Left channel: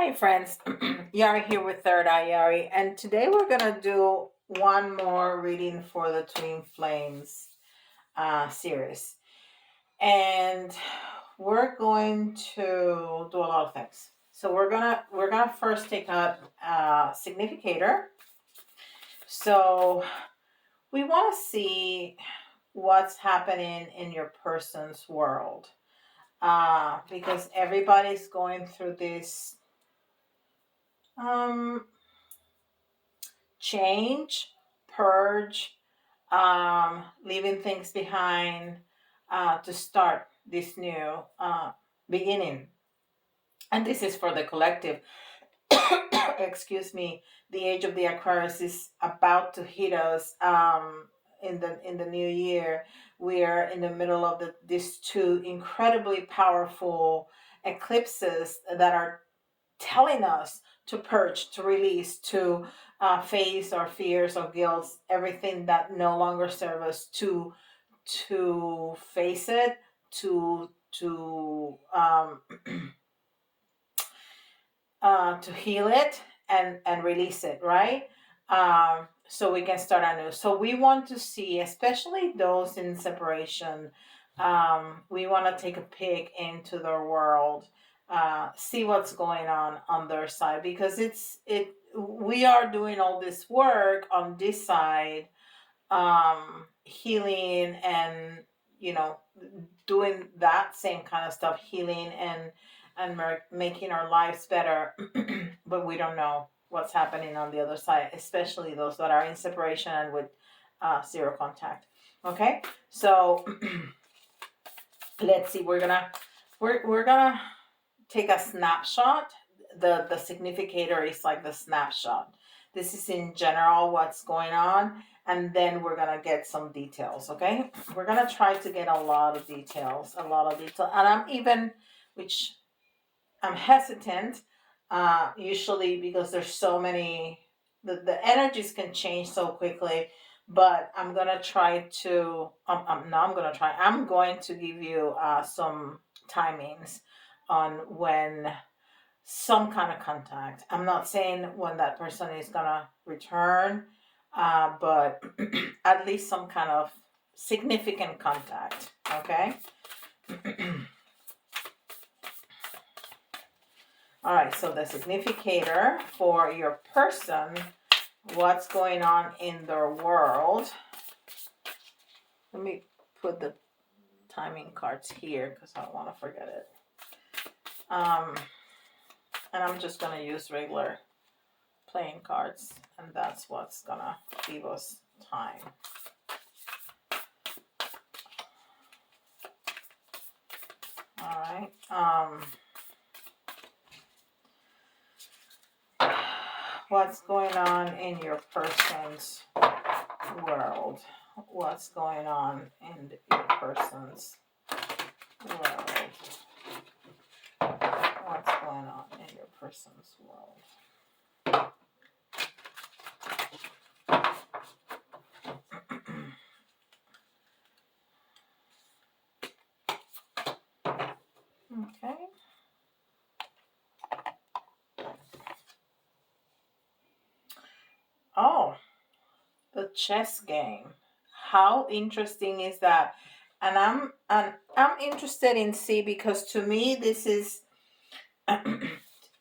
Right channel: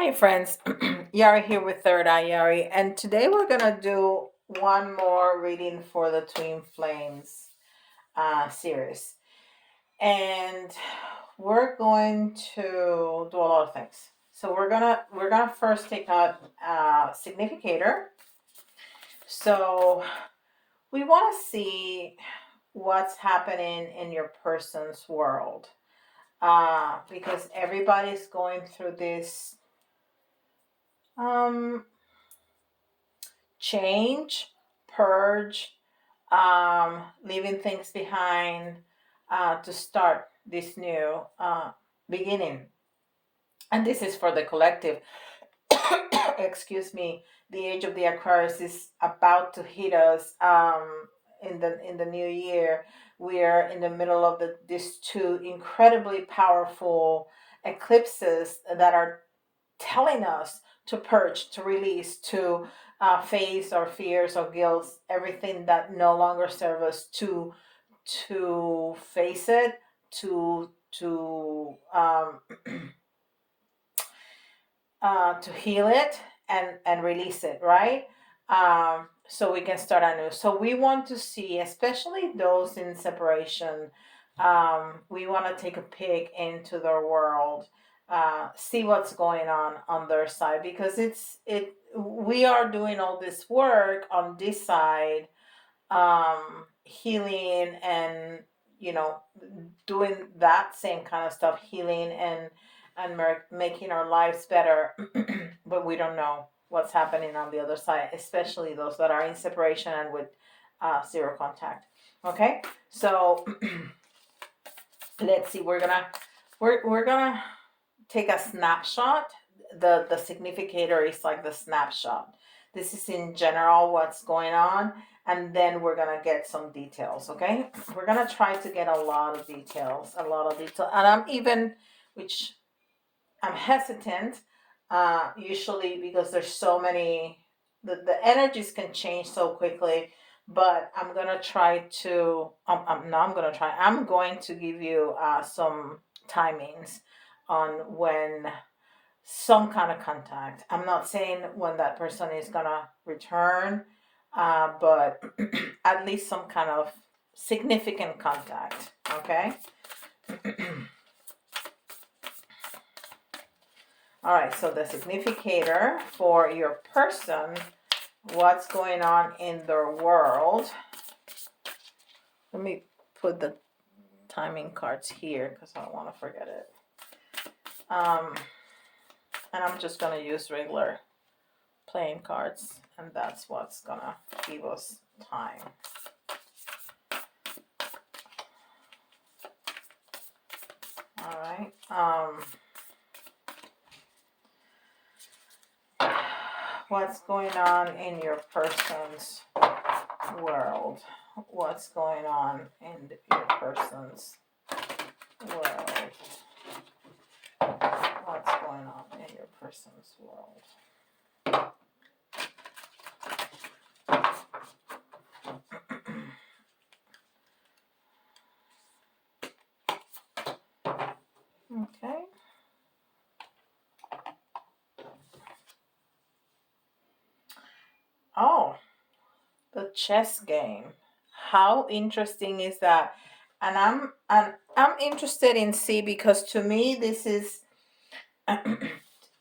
Hi friends, Yari here with Third Eye Yari, and today we're gonna do one more reading for the Twin Flames series, and we're going to do a lot of things. So we're gonna first take out significator. So we want to see what's happening in your person's world, because everybody's going through this um change, purge, leaving things behind, to start this new beginning. And this is for the collective. Excuse me. The age of the Aquarius is about to hit us in the new year. We're in the middle of these two incredibly powerful eclipses that are telling us to purge, to release, to face our fears or guilt, everything that no longer serves us, to face it, to heal it and release it, right? So we can start anew. So we want to see, especially those in separation, we want to take a peek into their world, see what's going on their side, because we are doing all this work on this side, healing and you know doing that same kind of stuff, healing and making our lives better. But we don't know what's happening on the other side, especially those that are in separation and with zero contact. Okay, so let's see. We're gonna take a snapshot. The significator is like the snapshot. This is in general what's going on, and then we're gonna get some details. Okay, we're gonna try to get a lot of details, and which I'm hesitant, usually because there's so many. The energies can change so quickly, but I'm gonna try to. I'm going to give you some timings on when some kind of contact. I'm not saying when that person is gonna return, but at least some kind of significant contact. Okay. All right. So the significator for your person, what's going on in their world. Let me put the timing cards here because I don't want to forget it. And I'm just going to use regular playing cards, and that's what's going to give us time. All right. What's going on in your person's world? What's going on in your person's world? What's going on in your person's world? Okay. Oh, the chess game. How interesting is that? And I'm interested in C because to me this is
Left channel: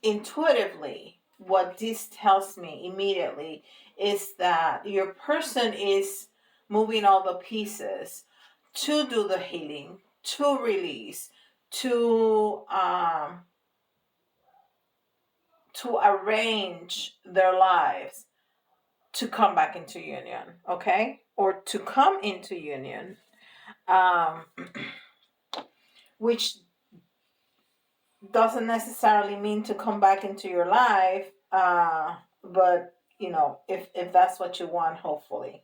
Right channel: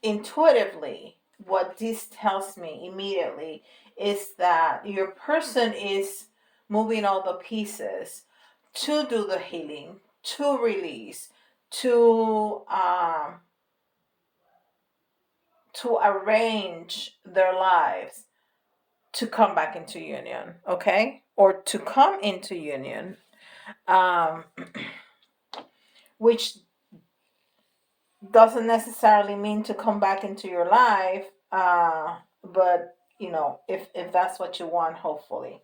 intuitively what this tells me immediately is that your person is moving all the pieces to do the healing, to release, to arrange their lives to come back into union, okay, or to come into union, which doesn't necessarily mean to come back into your life, but if that's what you want, hopefully.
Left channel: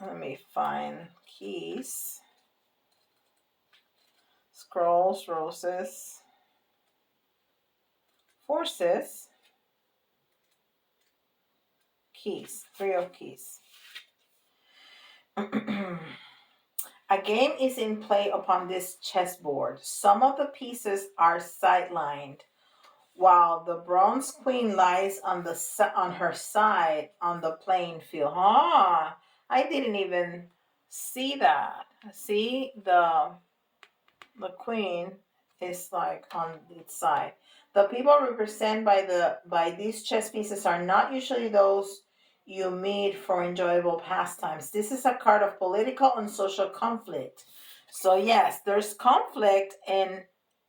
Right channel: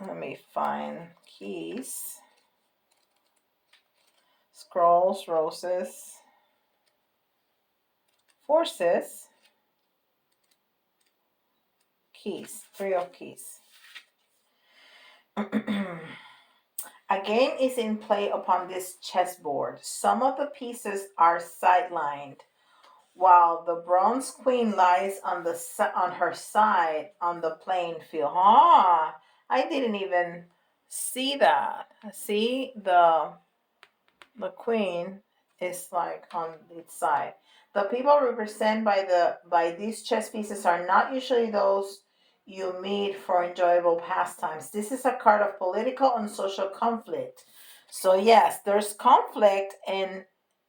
Let me find keys, scrolls, roses, forces, keys, 3 of keys. A game is in play upon this chessboard. Some of the pieces are sidelined, while the bronze queen lies on her side on the playing field. I didn't even see that. See, the queen is like on its side. The people represented by these chess pieces are not usually those you meet for enjoyable pastimes. This is a card of political and social conflict. So yes, there's conflict in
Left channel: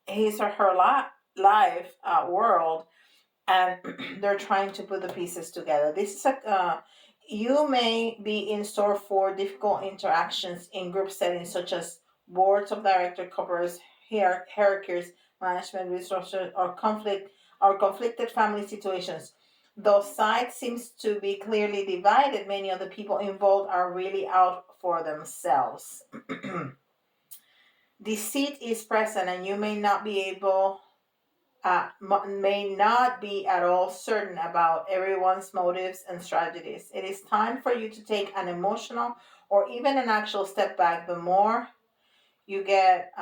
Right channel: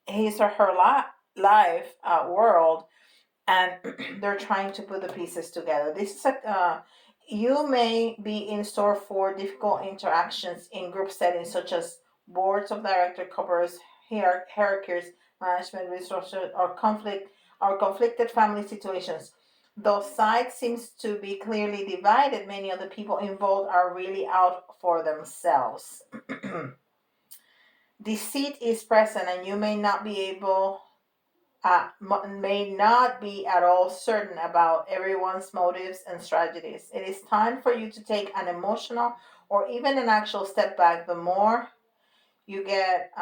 his or her life world, and they're trying to put the pieces together. This is you may be in store for difficult interactions in group settings such as boards of director covers, hierarchies, management resources, or conflicted family situations. Though sides seems to be clearly divided, many of the people involved are really out for themselves. Deceit is present, and you may not be at all certain about everyone's motives and strategies. It is time for you to take an emotional or even an actual step back. The more you get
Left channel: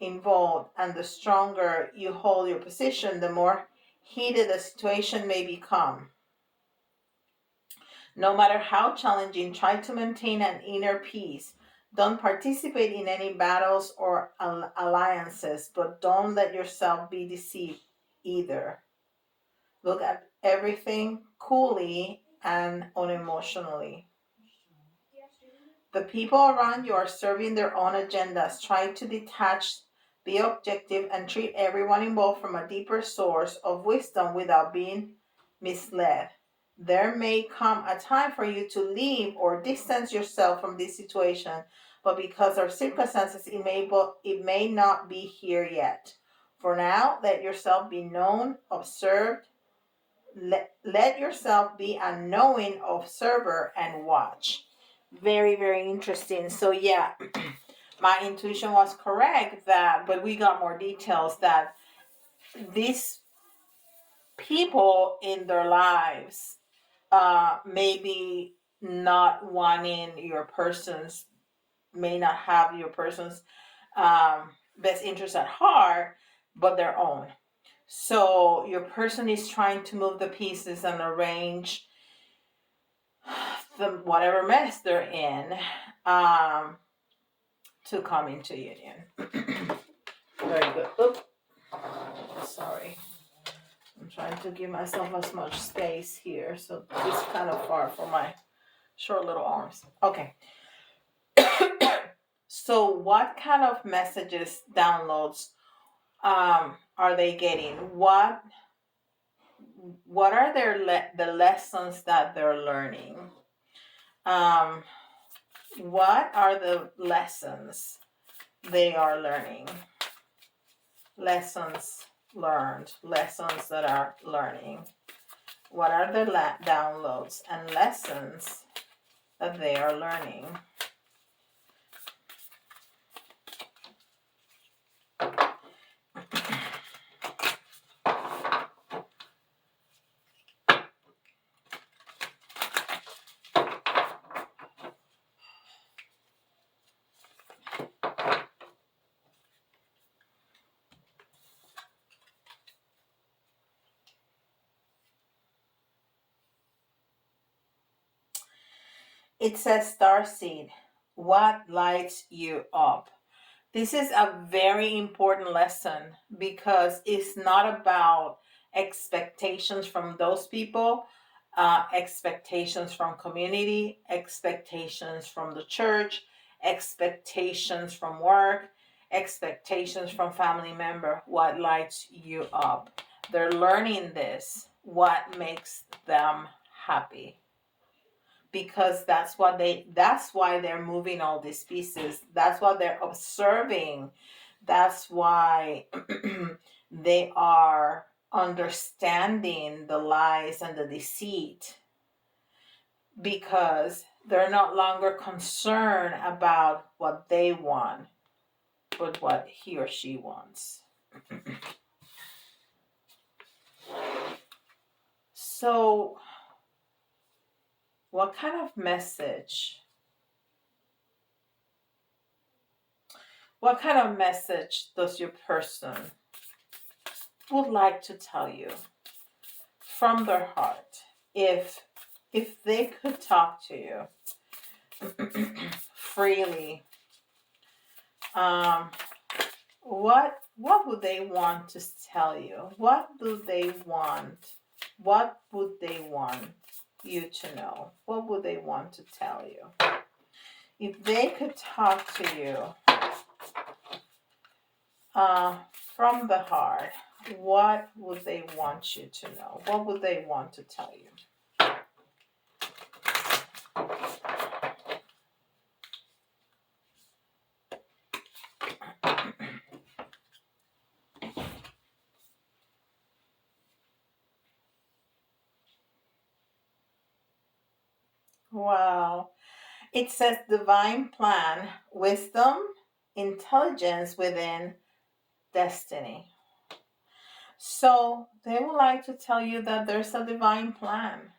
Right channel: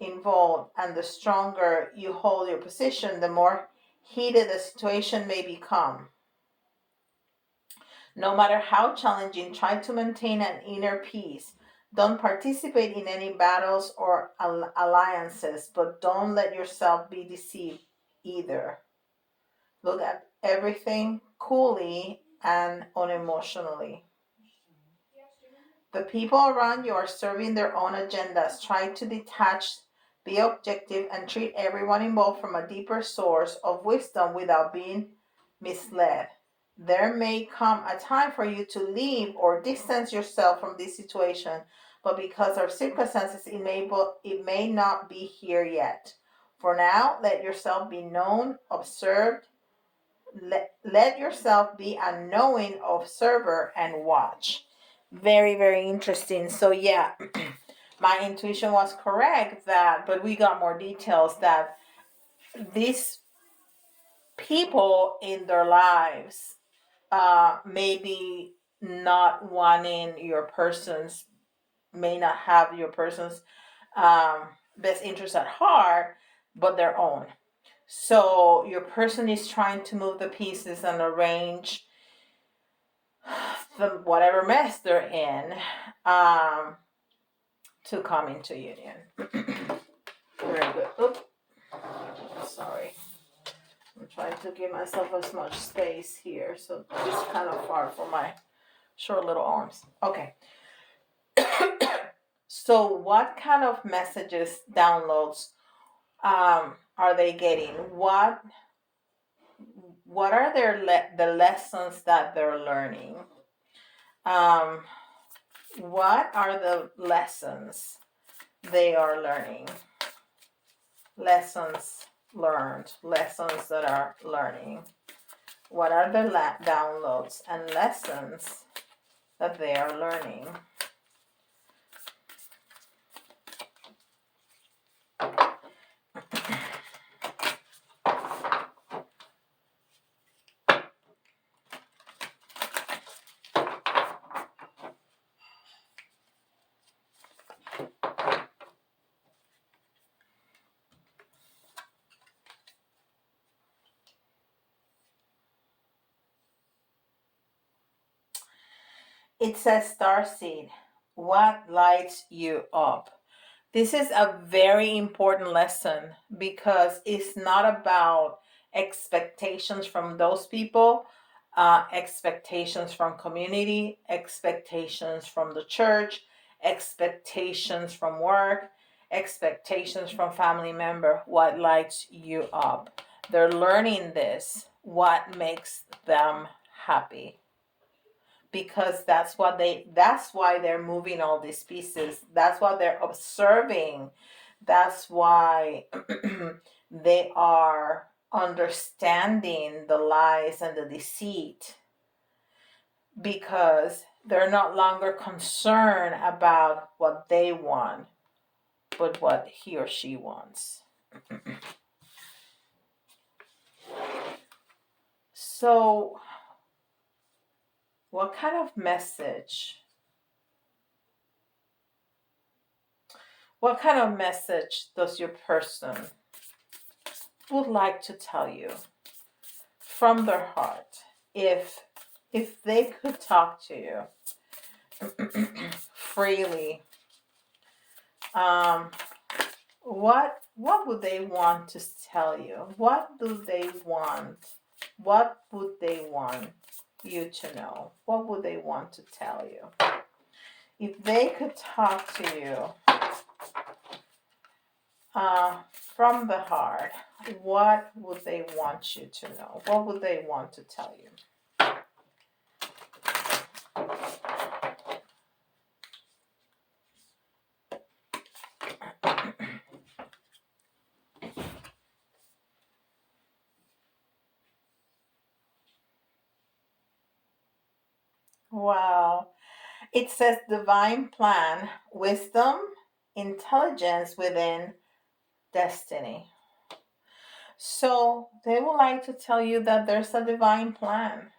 involved and the stronger you hold your position, the more heated the situation may become. No matter how challenging, try to maintain an inner peace. Don't participate in any battles or alliances, but don't let yourself be deceived either. Look at everything coolly and unemotionally. The people around you are serving their own agendas. Try to detach, be objective, and treat everyone involved from a deeper source of wisdom without being misled. There may come a time for you to leave or distance yourself from this situation, but because of circumstances, it may not be here yet. For now, let yourself be known, observed. Let yourself be a knowing observer and watch. Very, very interesting. So yeah, my intuition was correct but we got more details that these people in their lives maybe not wanting your person's, may not have your person's best interest at heart, but their own. So your person is trying to move the pieces and arrange the whatever mess they're in um, to come into union. Very good. Oops. Sorry. I'm trying to give myself as much space here, so it's kind of far for my short little arms. Okay. So what kind of messages, downloads are they getting? What are the lessons that they're learning? What are the lessons they are learning? Lessons learned, lessons that are learning. What are the downloads and lessons that they are learning? It says starseed. What lights you up? This is a very important lesson because it's not about expectations from those people, expectations from community, expectations from the church, expectations from work, expectations from family member. What lights you up? They're learning this. What makes them happy? Because that's why they're moving all these pieces. That's what they're observing. That's why they are understanding the lies and the deceit, because they're not longer concerned about what they want, but what he or she wants. So what kind of message What kind of message does your person would like to tell you from their heart? If they could talk to you freely, what would they want to tell you? What do they want? What would they want you to know? What would they want to tell you? If they could talk to you from the heart, what would they want you to know? What would they want to tell you? Wow. It says divine plan, wisdom, intelligence within destiny. So they would like to tell you that there's a divine plan,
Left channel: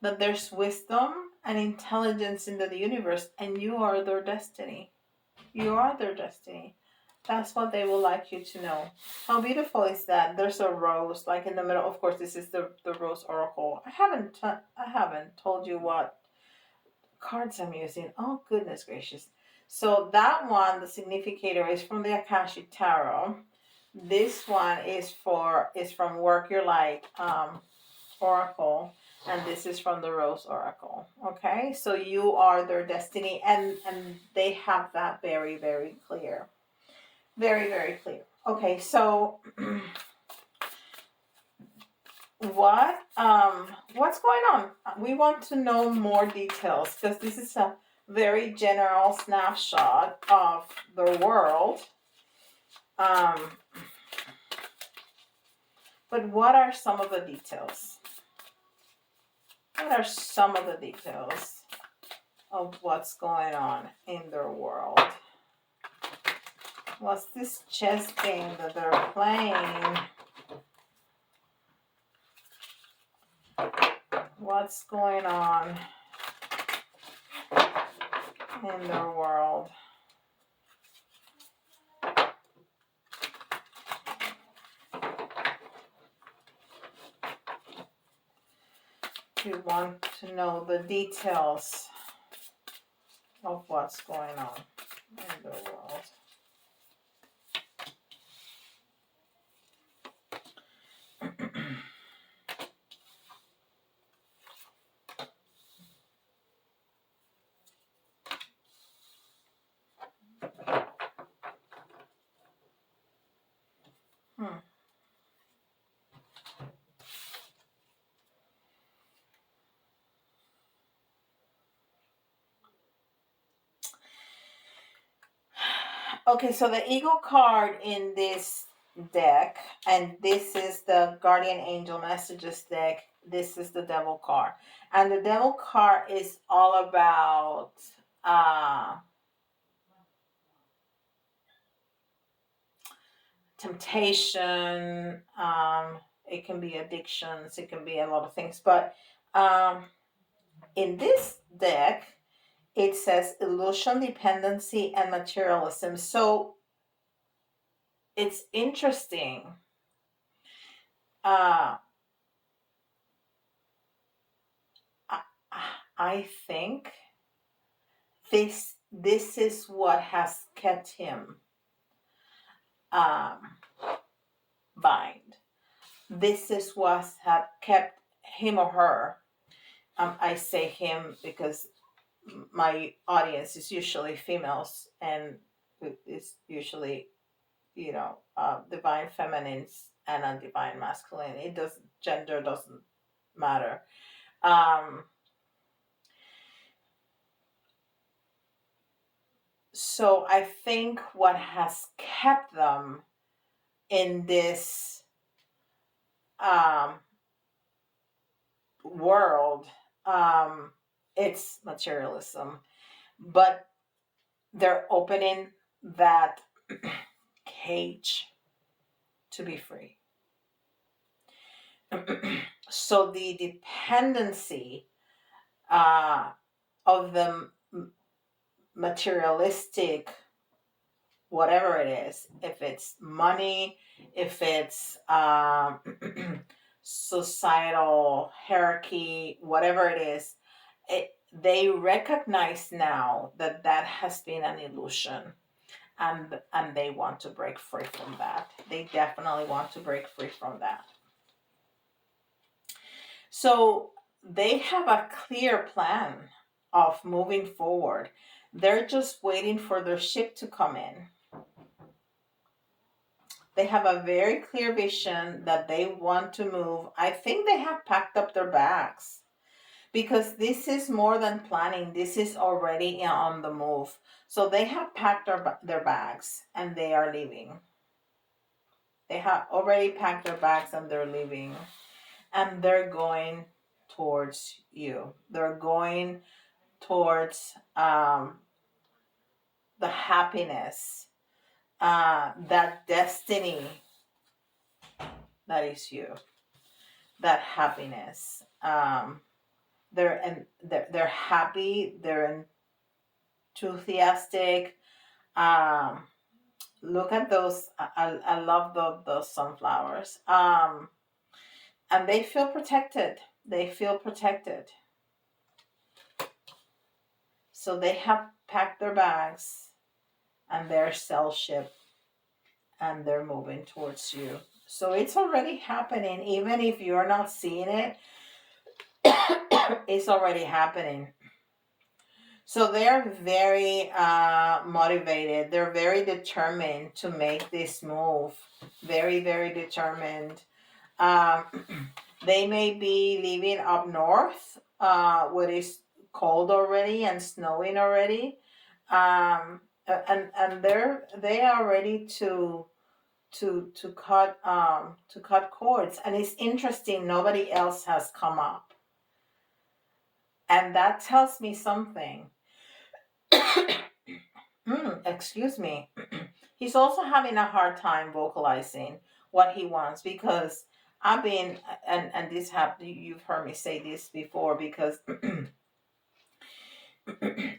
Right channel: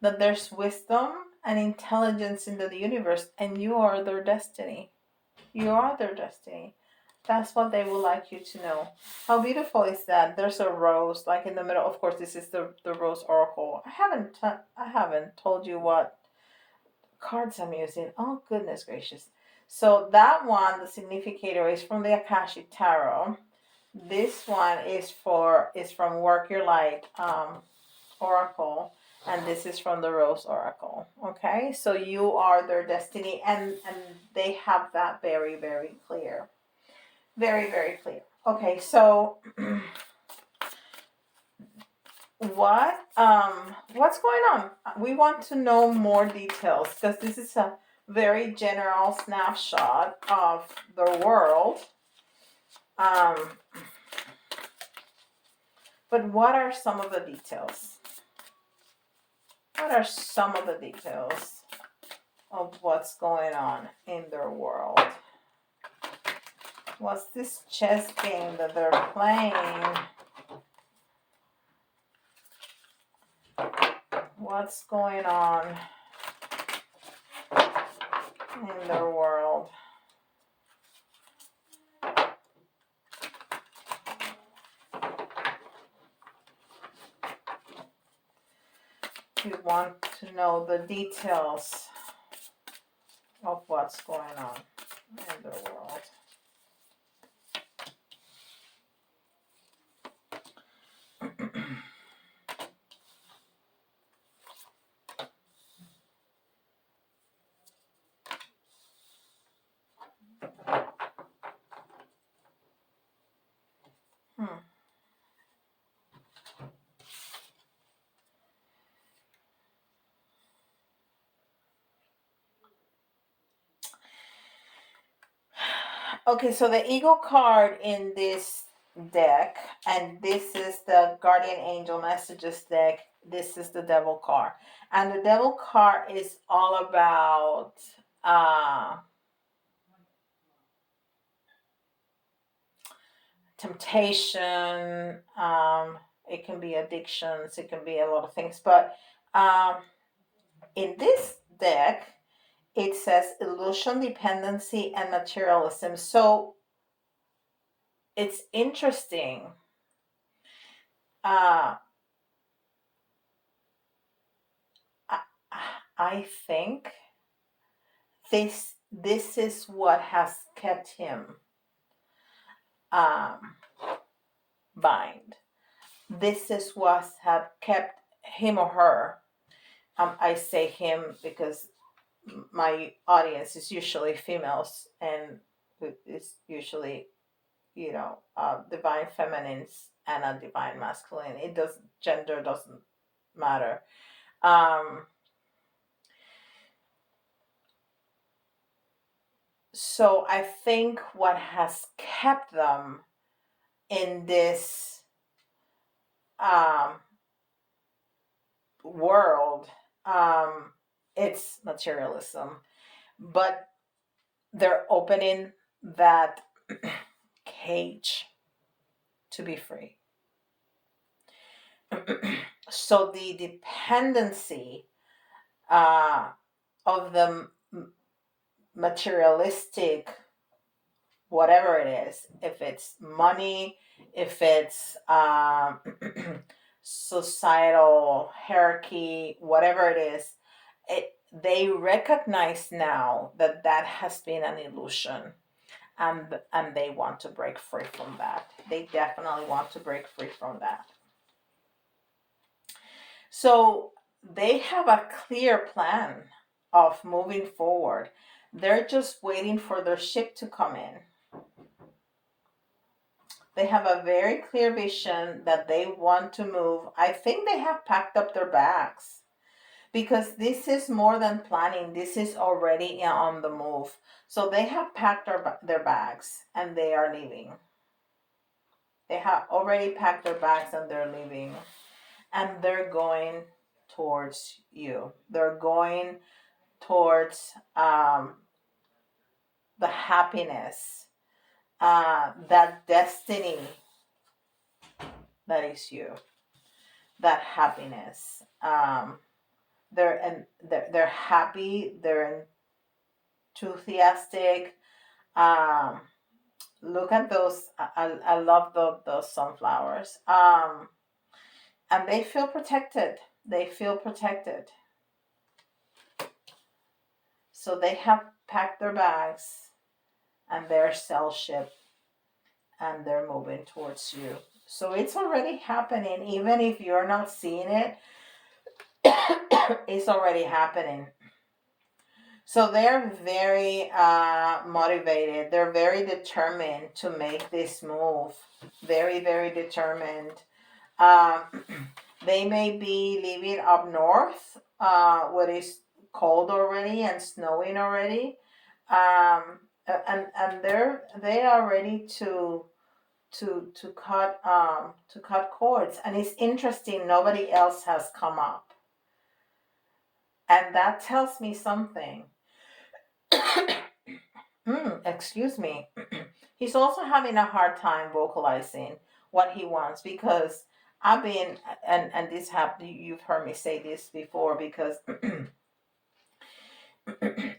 that there's wisdom and intelligence in the universe, and you are their destiny. You are their destiny. That's what they would like you to know. How beautiful is that? There's a rose like in the middle. Of course, this is the rose oracle. I haven't told you what cards I'm using. Oh goodness gracious. So that one, the significator, is from the Akashic Tarot. This one is from Work Your Light Oracle, and this is from the Rose Oracle. Okay, so you are their destiny, and they have that very, very clear. Very, very clear. Okay, so what's going on? We want to know more details because this is a very general snapshot of the world. But what are some of the details? What are some of the details of what's going on in their world? What's this chess game that they're playing? What's going on in their world? You want to know the details of what's going on in their world. Okay, so the Eagle card in this deck, and this is the Guardian Angel Messages deck. This is the Devil card. And the Devil card is all about temptation. It can be addictions. It can be a lot of things. But in this deck, it says illusion, dependency, and materialism. So it's interesting. I think this is what has kept him bind. This is what had kept him or her. I say him because my audience is usually females, and it's usually divine feminines and a divine masculine. Gender doesn't matter. So I think what has kept them in this world, it's materialism, but they're opening that cage to be free. So the dependency of the materialistic whatever it is, if it's money, if it's societal hierarchy, whatever it is, they recognize now that that has been an illusion, and they want to break free from that. They definitely want to break free from that. So they have a clear plan of moving forward. They're just waiting for their ship to come in. They have a very clear vision that they want to move. I think they have packed up their bags, because this is more than planning. This is already on the move. So they have packed their bags and they are leaving. They have already packed their bags and they're leaving. And they're going towards you. They're going towards the happiness, that destiny that is you, that happiness. They're happy. They're enthusiastic. Look at those. I love those sunflowers. And they feel protected. They feel protected. So they have packed their bags and their sail ship, and they're moving towards you. So it's already happening. Even if you're not seeing it, it's already happening. So they're very motivated. They're very determined to make this move. Very, very determined. They may be living up north, what is cold already and snowing already, and they are ready to cut cords. And it's interesting, nobody else has come up, and that tells me something. Excuse me. He's also having a hard time vocalizing what he wants, because I've been, and this happened, you've heard me say this before, because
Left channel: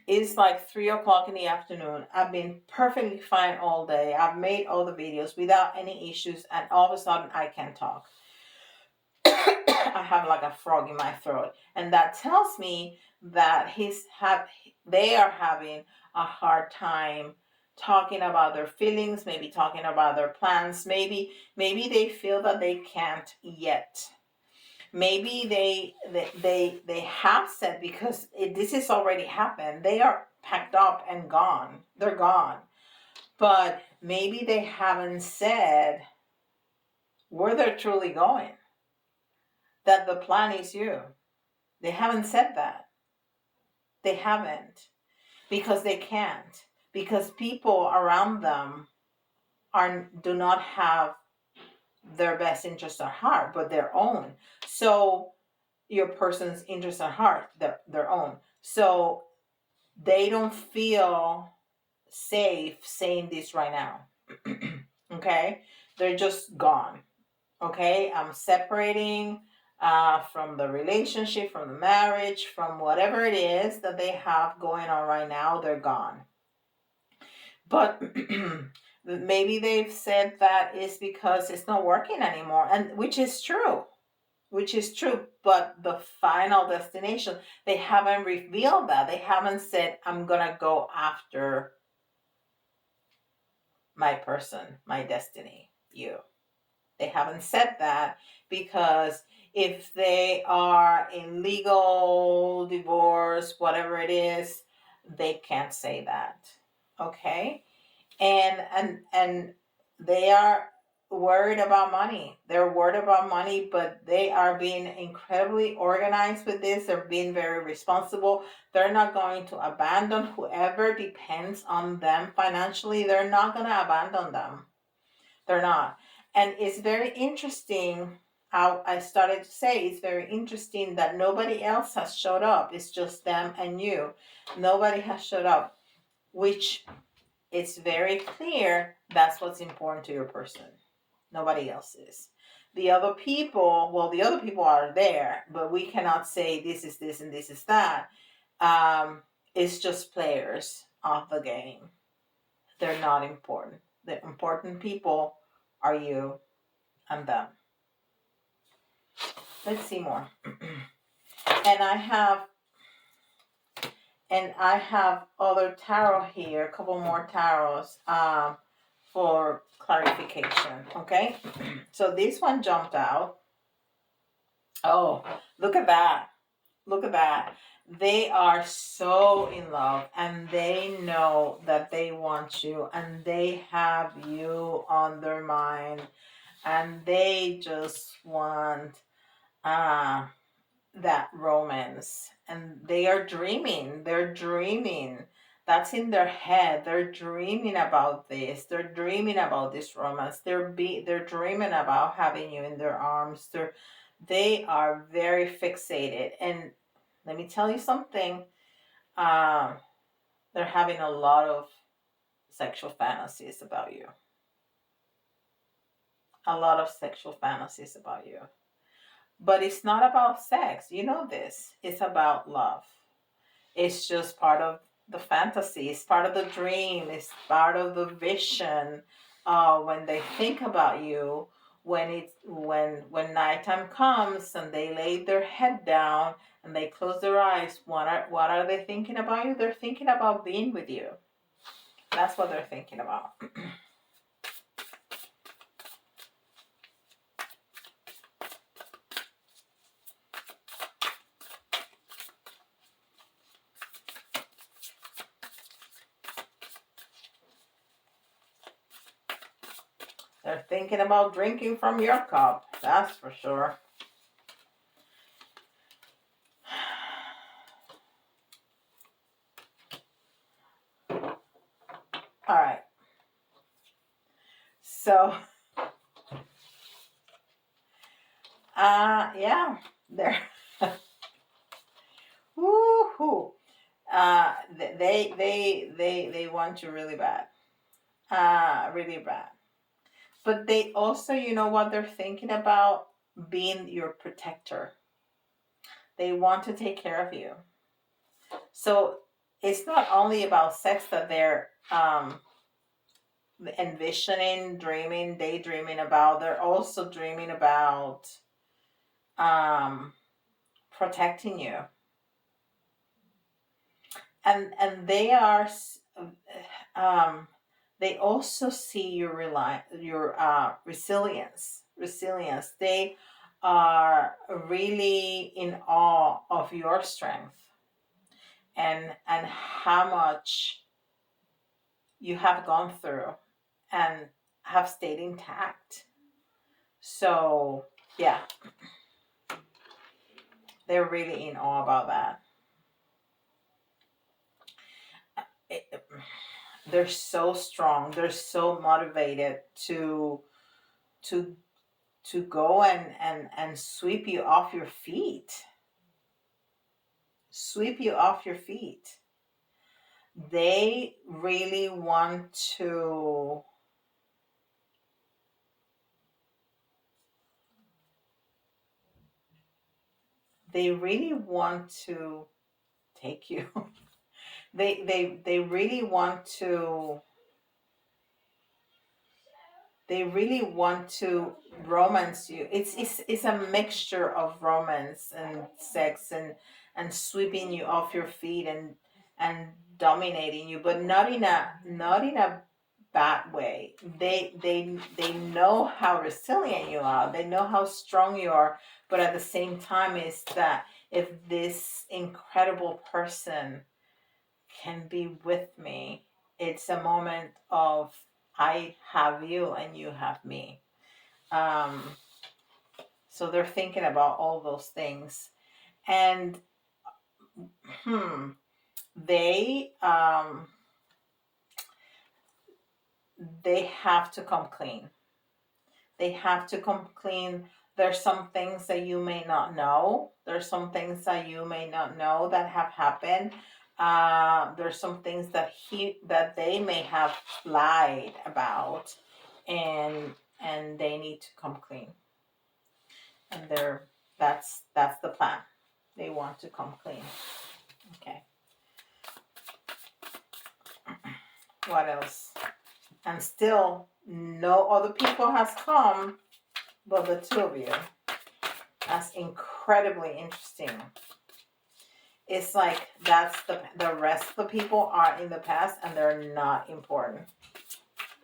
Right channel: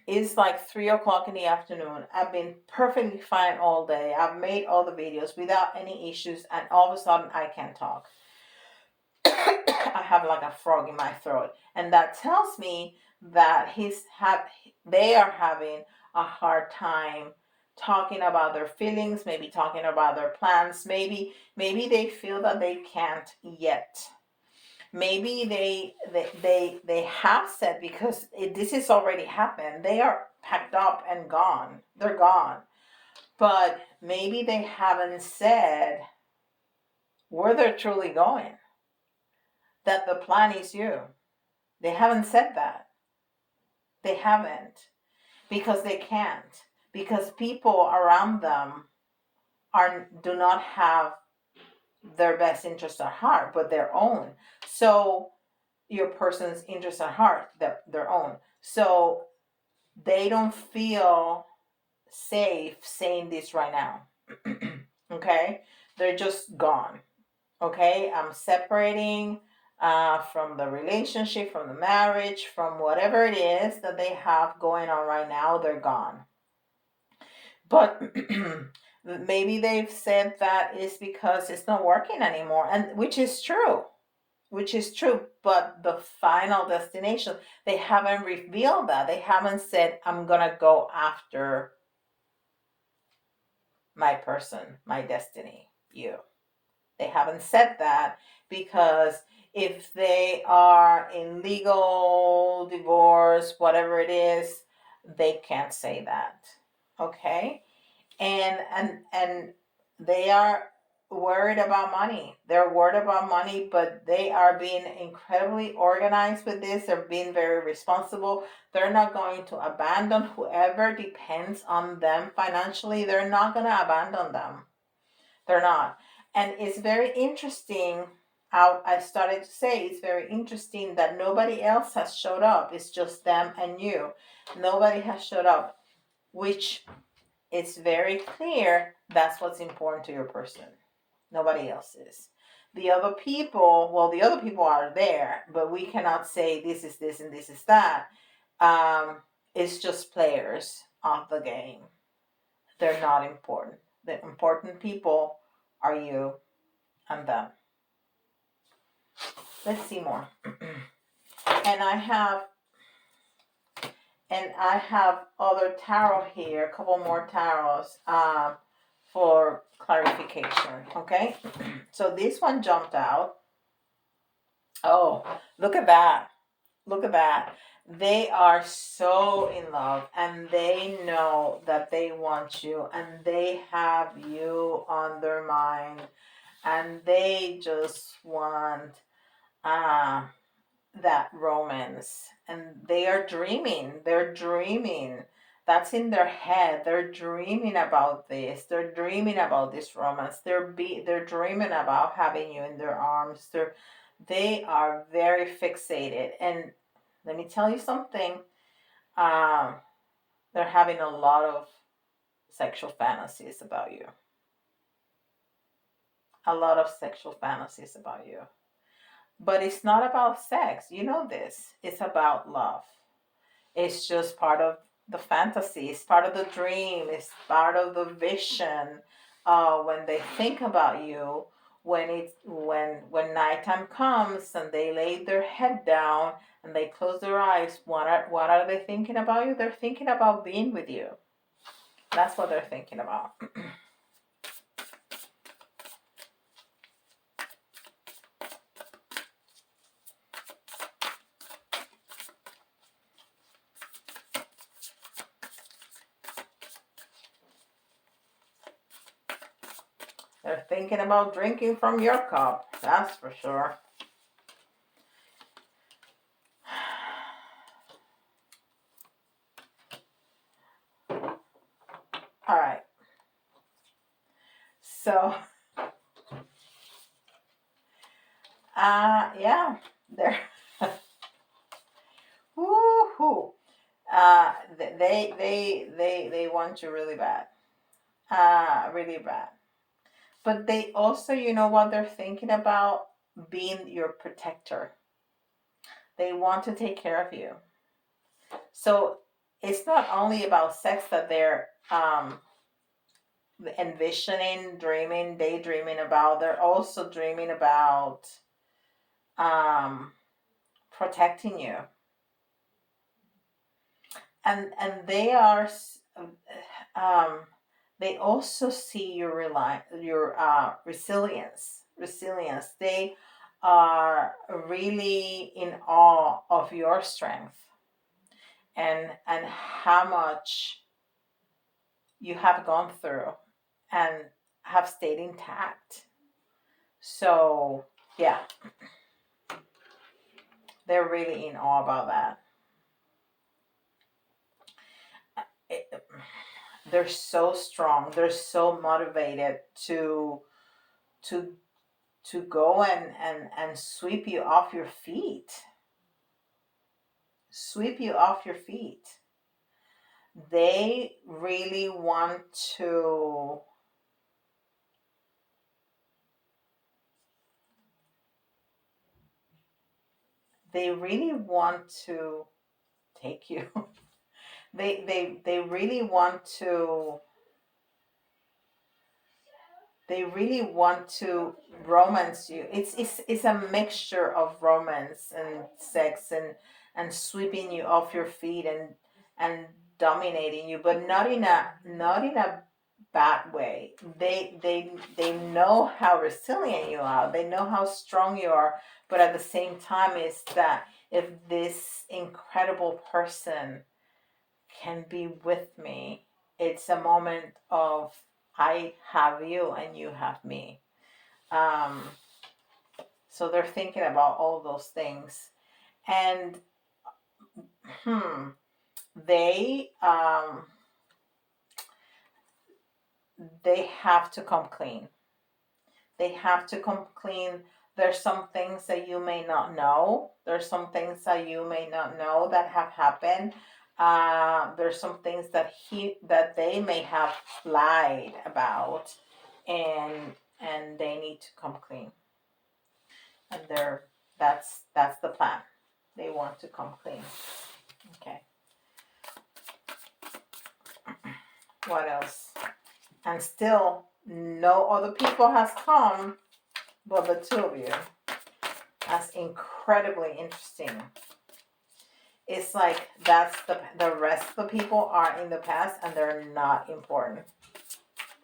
it's like 3 o'clock in the afternoon. I've been perfectly fine all day. I've made all the videos without any issues, and all of a sudden I can't talk. I have like a frog in my throat, and that tells me that they are having a hard time talking about their feelings, maybe talking about their plans. Maybe they feel that they can't yet. Maybe they have said, because this is already happened. They are packed up and gone. They're gone. But maybe they haven't said where they're truly going. That the plan is you. They haven't said that. They haven't. Because they can't. Because people around them do not have their best interest at heart, but their own. So your person's interest at heart, their own. So they don't feel safe saying this right now. Okay? They're just gone. Okay? I'm separating from the relationship, from the marriage, from whatever it is that they have going on right now. They're gone. But maybe they've said that is because it's not working anymore, and which is true. But the final destination, they haven't revealed that. They haven't said, I'm gonna go after my person, my destiny, you. They haven't said that, because if they are in legal divorce, whatever it is, they can't say that. Okay? And they are worried about money. They're worried about money, but they are being incredibly organized with this. They're being very responsible. They're not going to abandon whoever depends on them financially. They're not going to abandon them. They're not. And it's very interesting how I started to say, it's very interesting that nobody else has showed up. It's just them and you. Nobody has showed up, which it's very clear that's what's important to your person. Nobody else is. The other people are there, but we cannot say this is this and this is that. It's just players of the game. they're not important. The important people are you and them. Let's see more. And I have other tarot here, a couple more tarots for clarification. Okay, so this one jumped out. Oh, look at that! Look at that! They are so in love, and they know that they want you, and they have you on their mind, and they just want that romance, and they're dreaming, that's in their head, they're dreaming about this, they're dreaming about this romance, they're dreaming about having you in their arms, they are very fixated. And let me tell you something, um they're having a lot of sexual fantasies about you, a lot of sexual fantasies about you. But it's not about sex. You know this. It's about love. It's just part of the fantasy. It's part of the dream. It's part of the vision. When they think about you, when nighttime comes and they lay their head down and they close their eyes, what are they thinking about you? They're thinking about being with you. That's what they're thinking about. They're thinking about drinking from your cup, that's for sure. All right. So, yeah, they're woohoo. They want you really bad, really bad. But they also, you know what they're thinking about? Being your protector. They want to take care of you. So it's not only about sex that they're envisioning, dreaming, daydreaming about. They're also dreaming about um, protecting you, and they are um, they also see your resilience. They are really in awe of your strength, and how much you have gone through and have stayed intact. So yeah, they're really in awe about that. It, they're so strong. They're so motivated to to go and sweep you off your feet. Sweep you off your feet. They really want to they really want to take you. They really want to romance you. It's a mixture of romance and sex and sweeping you off your feet and dominating you, but not in a bad way. They know how resilient you are. They know how strong you are, but at the same time is that if this incredible person can be with me, it's a moment of I have you and you have me. Um, so they're thinking about all those things, and they they have to come clean. They have to come clean. There's some things that you may not know. There's some things that you may not know that have happened. There's some things that they may have lied about, and they need to come clean. And that's the plan. They want to come clean. Okay. What else? And still no other people has come but the two of you. That's incredibly interesting. It's like that's the rest of the people are in the past and they're not important.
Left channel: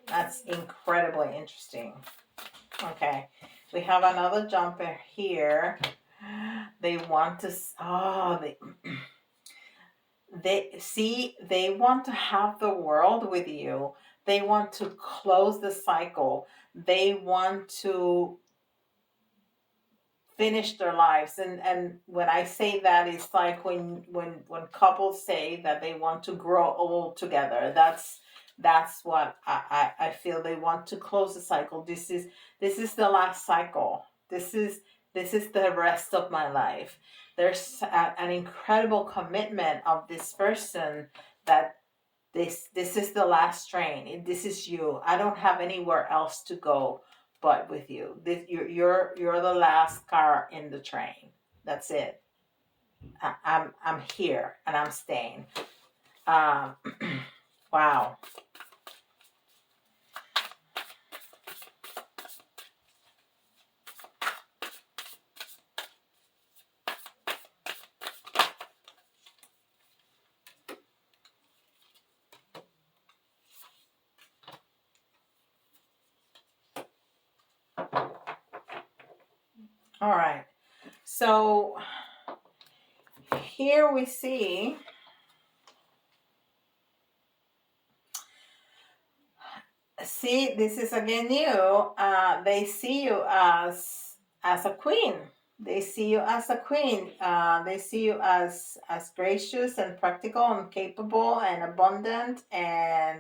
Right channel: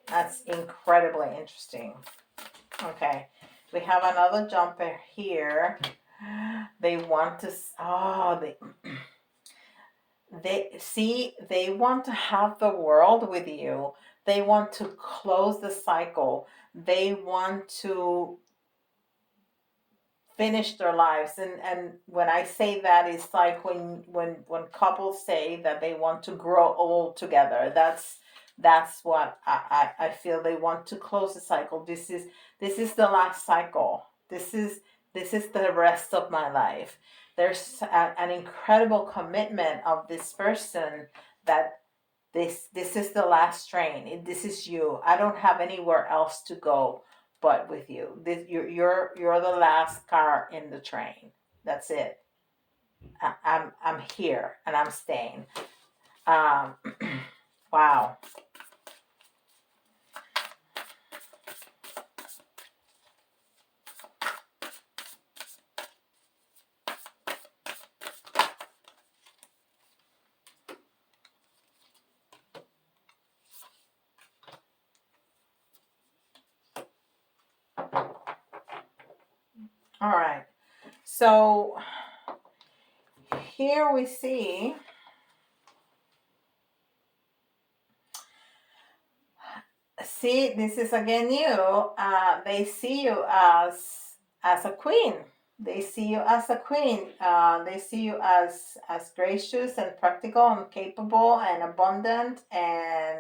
That's incredibly interesting. Okay, we have another jumper here. They want to, oh, they want to have the world with you. They want to close the cycle. They want to finish their lives. And when I say that, it's like when couples say that they want to grow old together. That's what I feel. They want to close the cycle. This is the last cycle. This is the rest of my life. There's an incredible commitment of this person that this is the last train. This is you. I don't have anywhere else to go but with you. You're the last car in the train. That's it. I'm here and I'm staying. Um, wow. All right. So here we see this is again you. They see you as a queen. They see you as a queen. They see you as gracious and practical and capable and abundant, and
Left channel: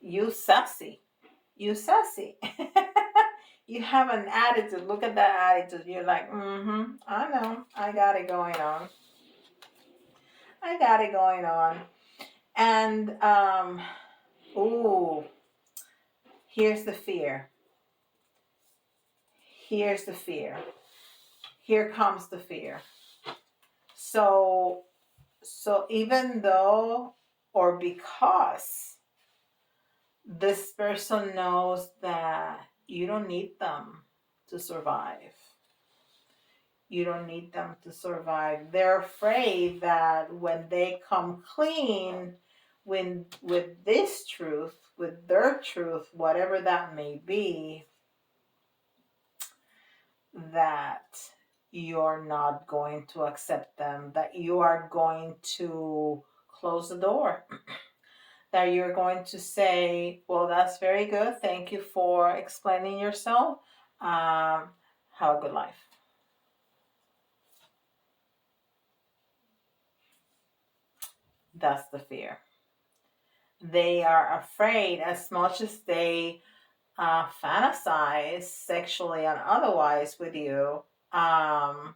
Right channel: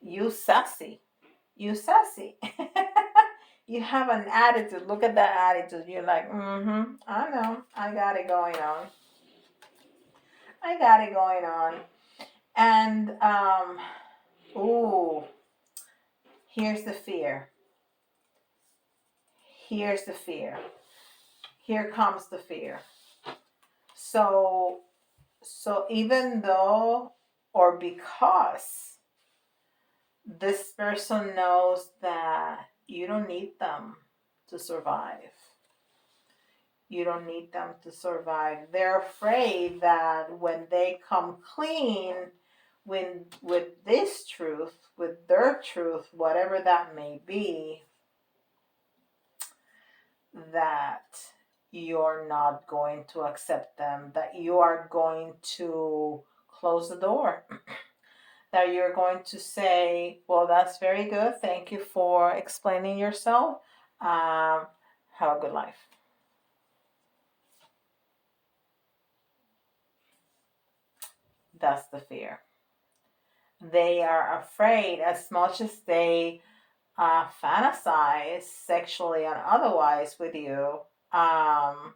you sassy. You sassy. You have an attitude. Look at that attitude. You're like, I know. I got it going on. I got it going on. And ooh, here's the fear. Here's the fear. Here comes the fear. So even though or because this person knows that you don't need them to survive. You don't need them to survive. They're afraid that when they come clean with this truth, with their truth, whatever that may be, that you're not going to accept them, that you are going to close the door, that you're going to say, well, that's very good. Thank you for explaining yourself. Have a good life. That's the fear. They are afraid, as much as they fantasize sexually and otherwise with you, and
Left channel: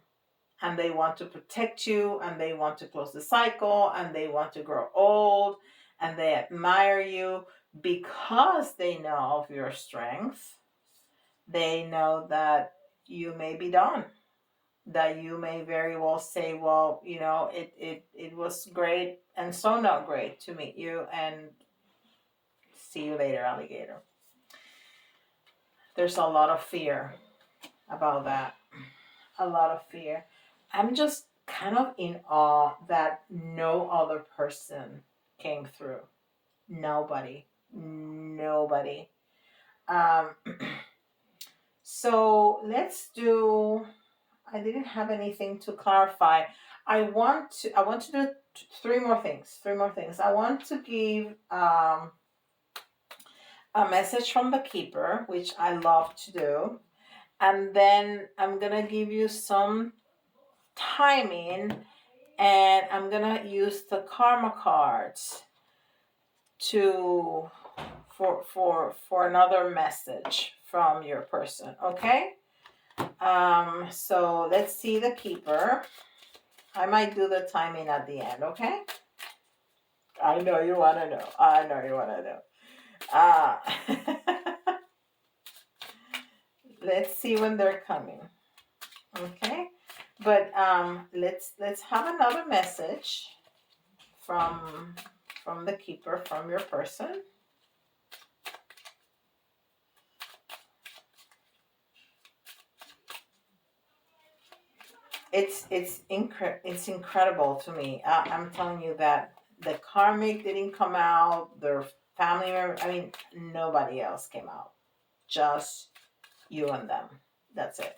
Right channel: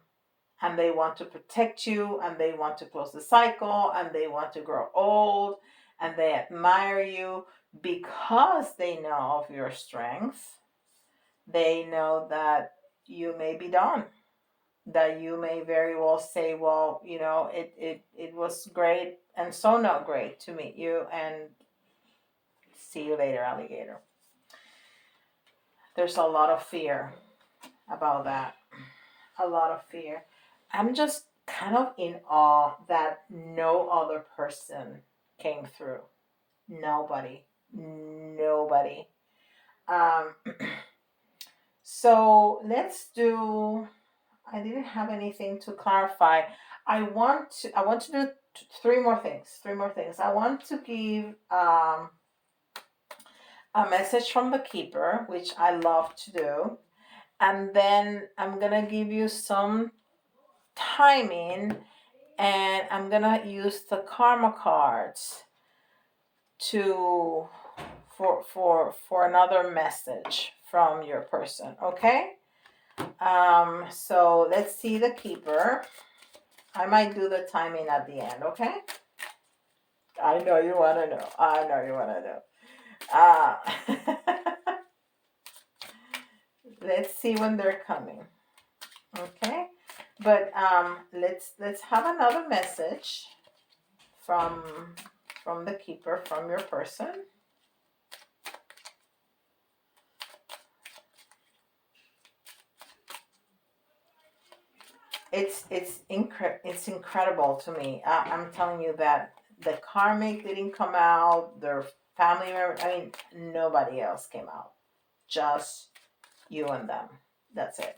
they want to protect you, and they want to close the cycle, and they want to grow old, and they admire you because they know of your strength. They know that you may be done, that you may very well say, well, it was great and so not great to meet you, and see you later, alligator. There's a lot of fear about that. A lot of fear. I'm just kind of in awe that no other person came through. Nobody. Nobody. Um, so let's do. I didn't have anything to clarify. I want to do three more things. Three more things. I want to give a message from the Keeper, which I love to do. And then I'm going to give you some timing, and I'm going to use the karma cards to for another message from your person, okay? So let's see the Keeper. I might do the timing at the end, okay? I know you want to know. I know you want to know. Let's see when they're coming. Okay? But let's have another message from the Keeper, from your person. it's incredible to me. I'm telling you that the karmic didn't come out. Their family, I mean, nobody else came out. Just you and them. That's it.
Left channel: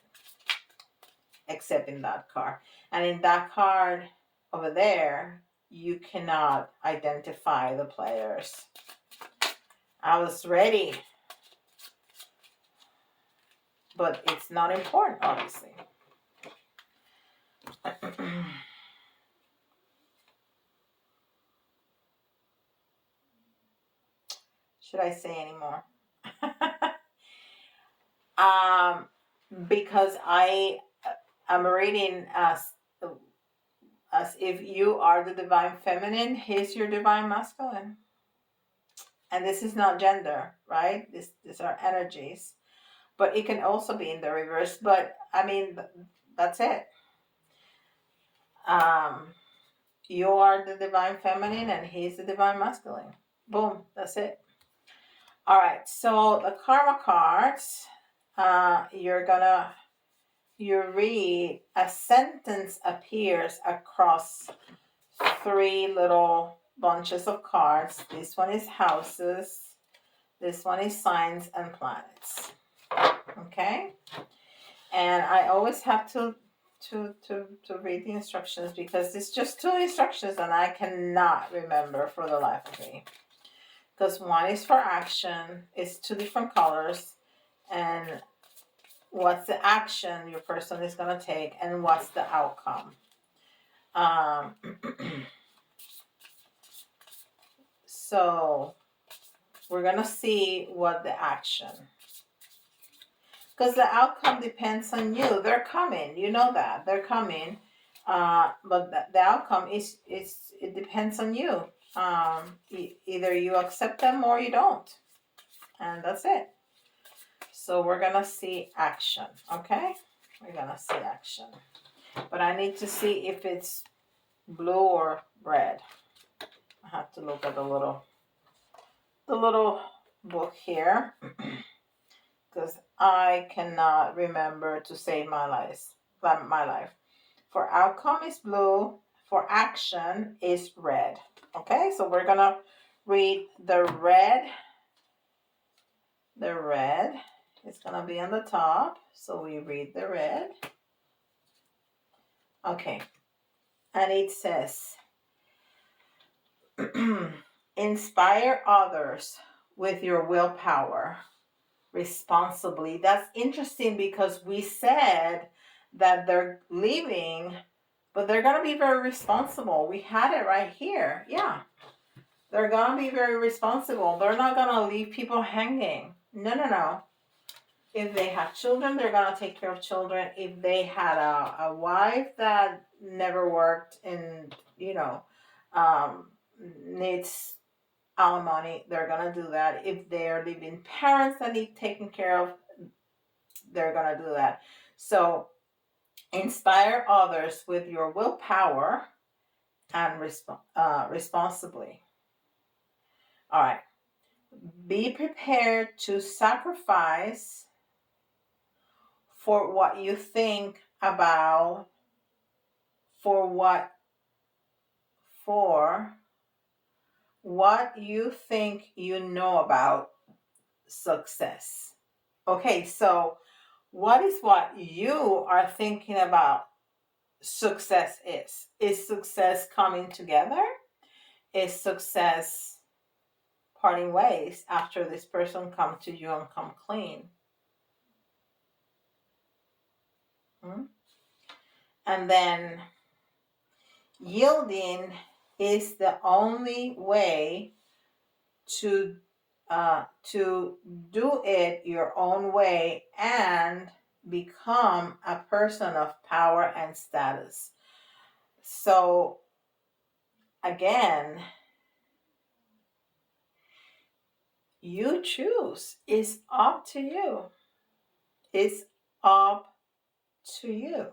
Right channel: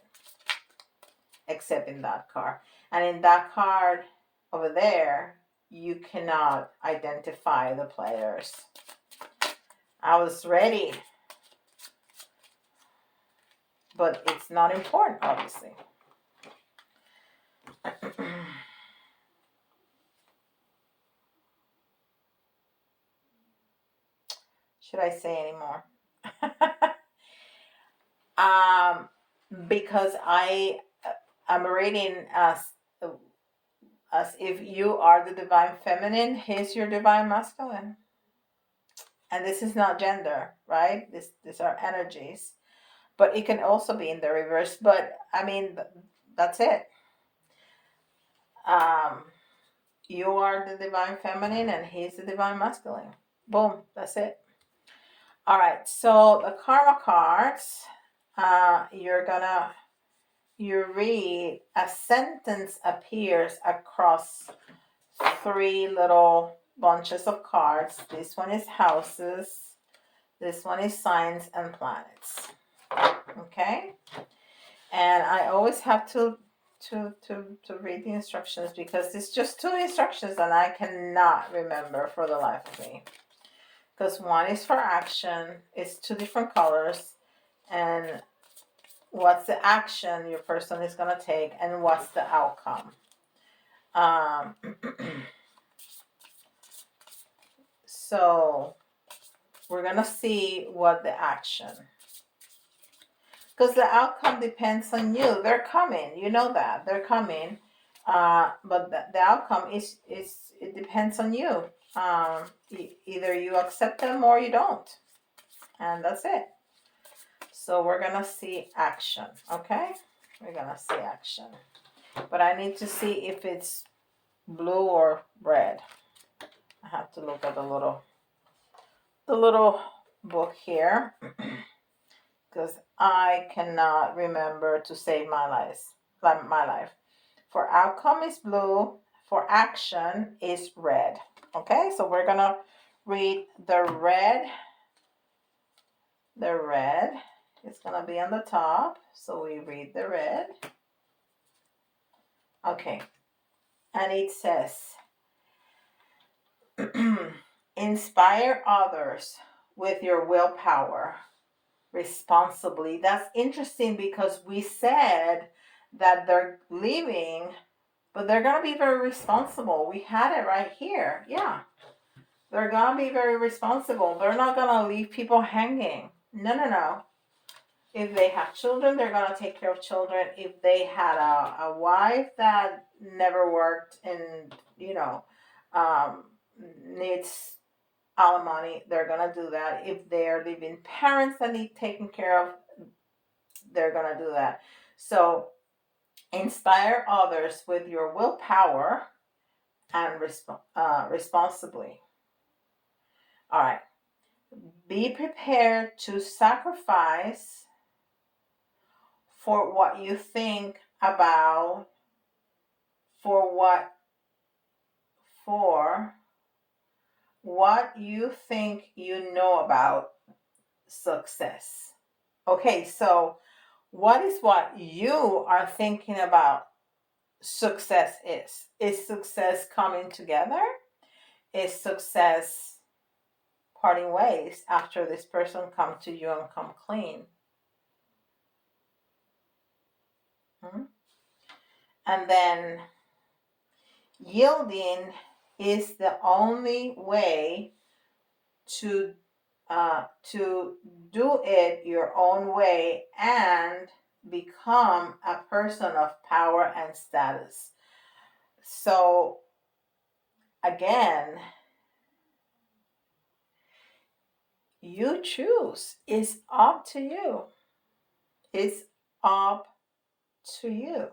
Except in that card. And in that card over there, you cannot identify the players. I was ready. But it's not important, obviously. Should I say any more? Because I'm reading as if you are the divine feminine, he's your divine masculine. And this is not gender, right? These are energies. But it can also be in the reverse. But I mean, that's it. You are the divine feminine and he's the divine masculine. Boom, that's it. All right, so the karma cards, you read, a sentence appears across 3 little bunches of cards. This one is houses, this one is signs and planets. Okay? And I always have to read the instructions because it's just 2 instructions and I cannot remember for the life of me. Because one is for action, it's 2 different colors, and what's the action your person is going to take, and what's the outcome. So we're going to see what the action, because the outcome depends on you. They're coming, you know that they're coming, but the outcome it depends on you. Either you accept them or you don't, and that's it. So we're gonna see action. Okay, we're gonna see action, but I need to see if it's blue or red. I have to look at the little book here because I cannot remember to save my life. For outcome is blue, for action is red. Okay, so we're gonna read the red. The red is gonna be on the top, so we read the red. Okay, and it says, inspire others with your willpower responsibly. That's interesting because we said that they're leaving, but they're going to be very responsible. We had it right here. Yeah. They're going to be very responsible. They're not going to leave people hanging. No. If they have children, they're going to take care of children. If they had a wife that never worked and, needs alimony, they're going to do that. If they're living parents that need taken care of, they're going to do that. So inspire others with your willpower and responsibly. All right. Be prepared to sacrifice for what you think about, for what you think you know about success. Okay, so what is what you are thinking about success is? Is success coming together? Is success parting ways after this person come to you and come clean? And then yielding is the only way to do it your own way and become a person of power and status. So again, you choose. It's up to you. It's up to you.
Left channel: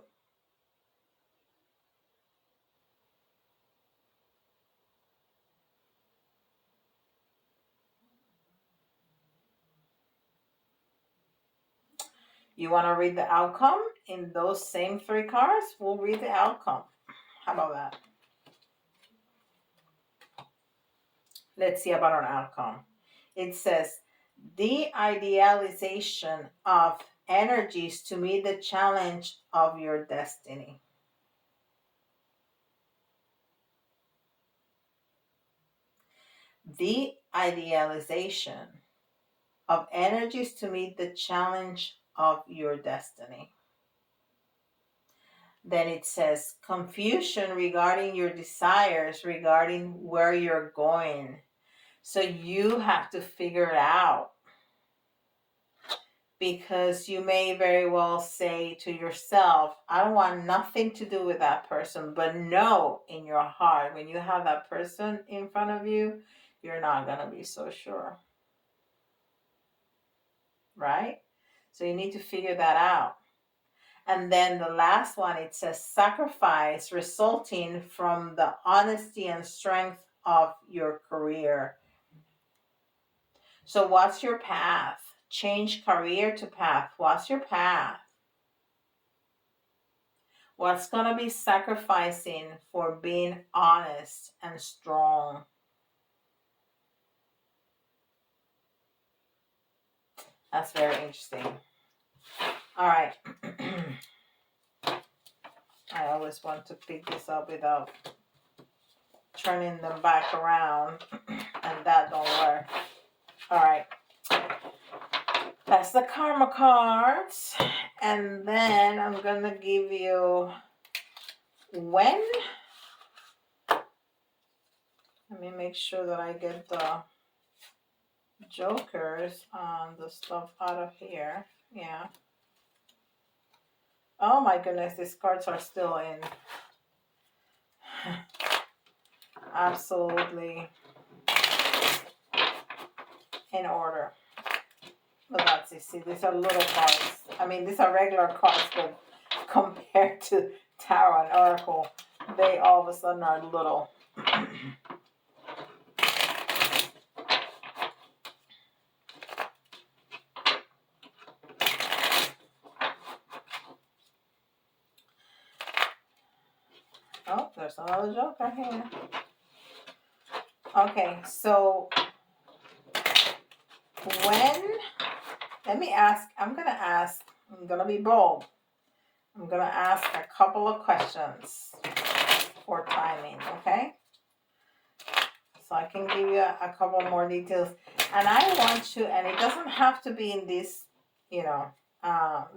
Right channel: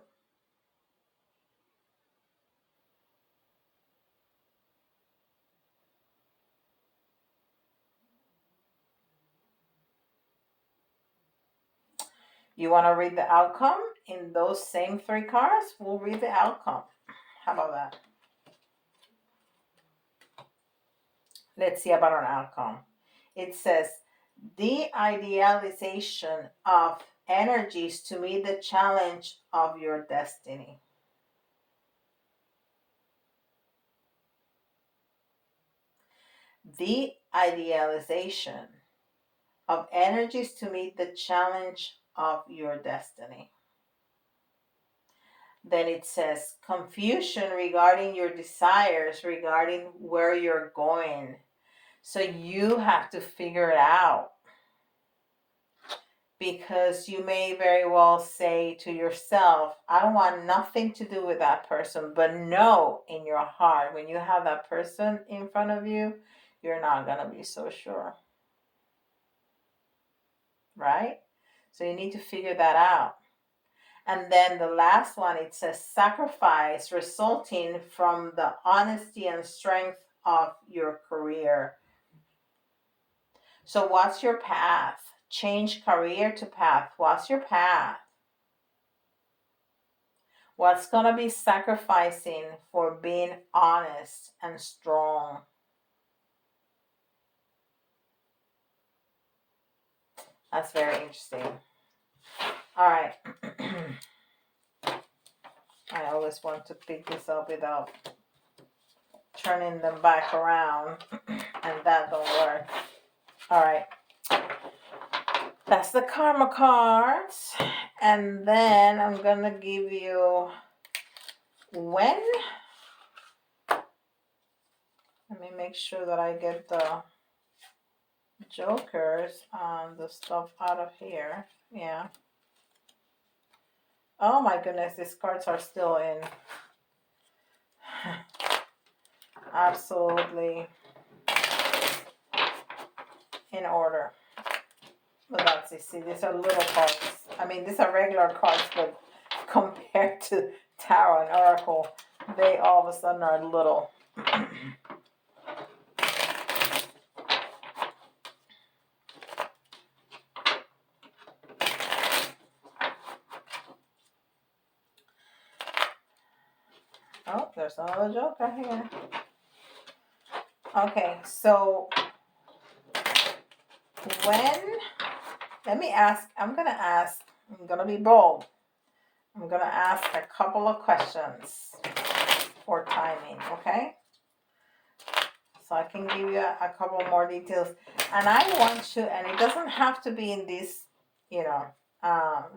You want to read the outcome in those same 3 cards? We'll read the outcome. How about that? Let's see about an outcome. It says, the idealization of energies to meet the challenge of your destiny. The idealization of energies to meet the challenge of your destiny. Then it says confusion regarding your desires, regarding where you're going. So you have to figure it out, because you may very well say to yourself, I don't want nothing to do with that person, but know in your heart, when you have that person in front of you, you're not going to be so sure. Right? So you need to figure that out. And then the last one, it says sacrifice resulting from the honesty and strength of your career. So what's your path? Change career to path. What's your path? What's going to be sacrificing for being honest and strong? That's very interesting. All right. I always want to pick this up without turning them back around, and that don't work. All right. That's the karma cards. And then I'm going to give you when. Let me make sure that I get the jokers on the stuff out of here. Yeah. Oh my goodness, these cards are still in. Absolutely in order. But let's see, these are little cards. I mean, these are regular cards, but compared to Tarot and Oracle, they all of a sudden are little. Oh, there's another joker here. Okay, so when, let me ask, I'm going to be bold. I'm going to ask a couple of questions for timing, okay? So I can give you a couple more details. And I want you, and it doesn't have to be in this,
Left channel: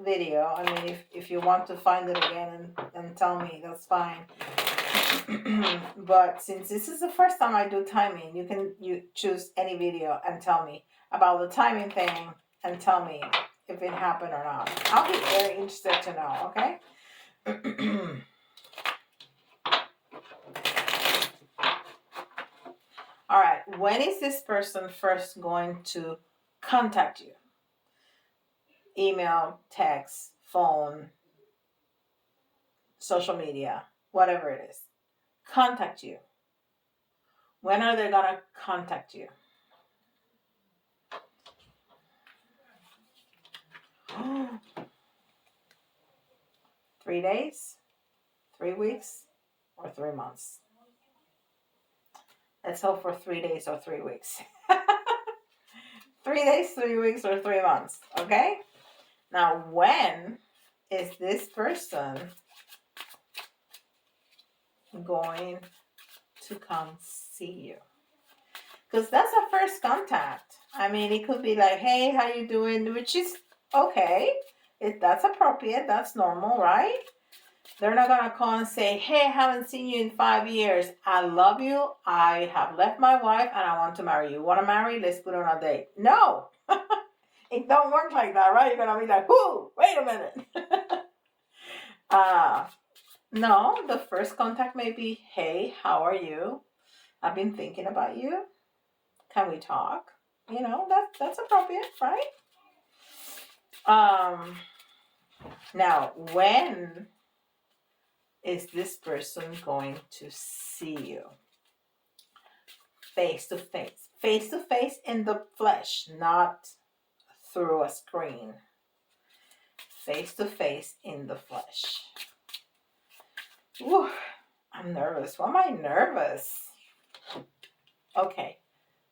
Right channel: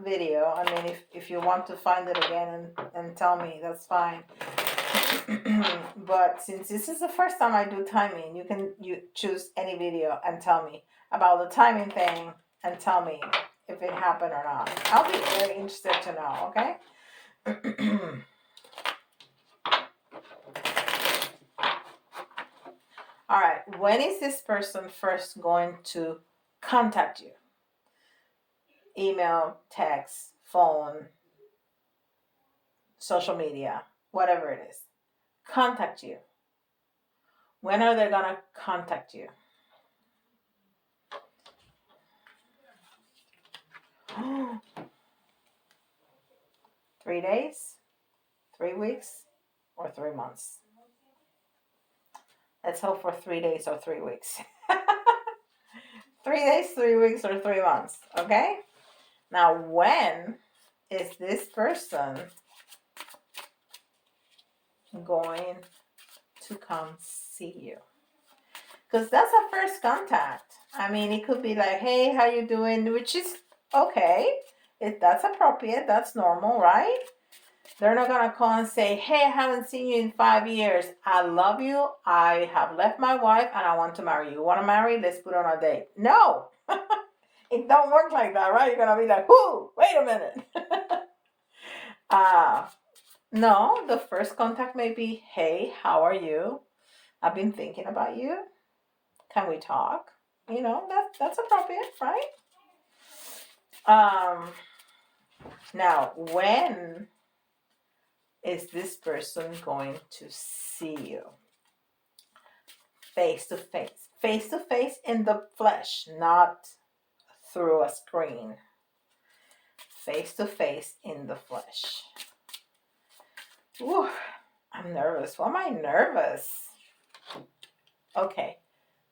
video. I mean, if you want to find it again and tell me, that's fine. But since this is the first time I do timing, you choose any video and tell me about the timing thing and tell me if it happened or not. I'll be very interested to know, okay? All right, when is this person first going to contact you? Email, text, phone, social media, whatever it is. Contact you. When are they going to contact you? Three days, 3 weeks, or 3 months? Let's hope for 3 days or 3 weeks. 3 days, 3 weeks, or 3 months. Okay? Now, when is this person going to come see you? Because that's a first contact. I mean, it could be like, hey, how you doing? Which is okay. If that's appropriate, that's normal, right? They're not going to call and say, hey, I haven't seen you in 5 years. I love you. I have left my wife and I want to marry you. Want to marry? Let's put on a date. No. It don't work like that, right? You're going to be like, whoo, wait a minute. No, the first contact may be, hey, how are you? I've been thinking about you. Can we talk? That's appropriate, right? Now, when is this person going to see you? Face to face. Face to face in the flesh, not through a screen. face to face in the flesh. Whew, I'm nervous. Why am I nervous? Okay,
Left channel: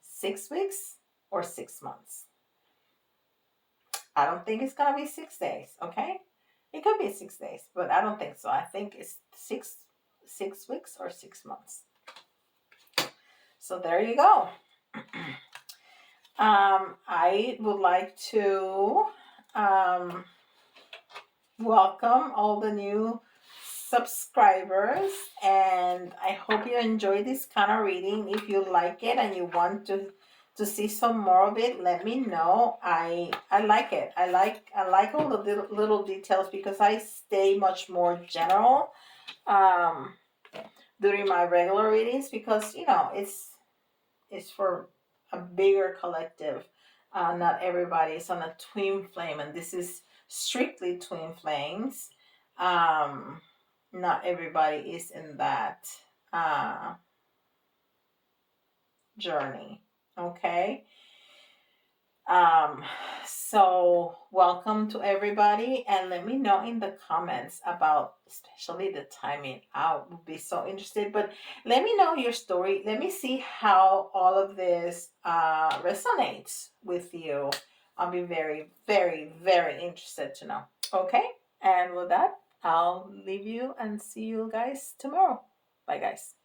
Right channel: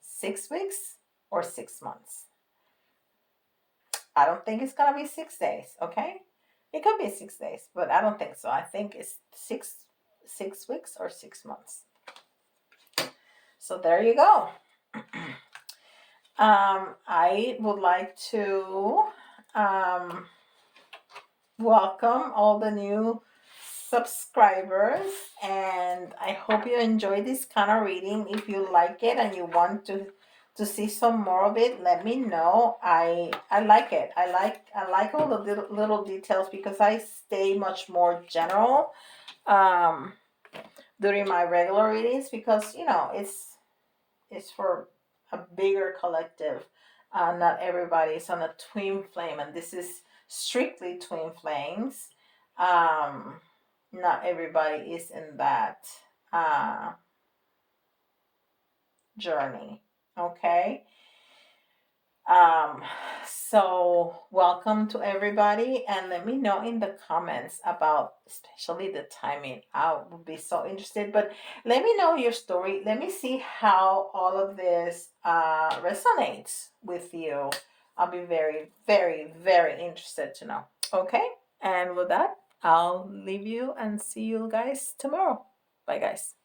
6 weeks or 6 months? I don't think it's gonna be 6 days. Okay, it could be 6 days, but I don't think so. I think it's six weeks or 6 months. So there you go. I would like to welcome all the new subscribers, and I hope you enjoy this kind of reading. If you like it and you want to see some more of it, let me know. I like it. I like all the little details because I stay much more general during my regular readings, because it's for a bigger collective. Not everybody is on a twin flame, and this is strictly twin flames. Not everybody is in that journey. Okay. So welcome to everybody, and let me know in the comments about especially the timing. I would be so interested, but let me know your story. Let me see how all of this resonates with you. I'll be very, very, very interested to know. Okay, and with that, I'll leave you and see you guys tomorrow. Bye, guys.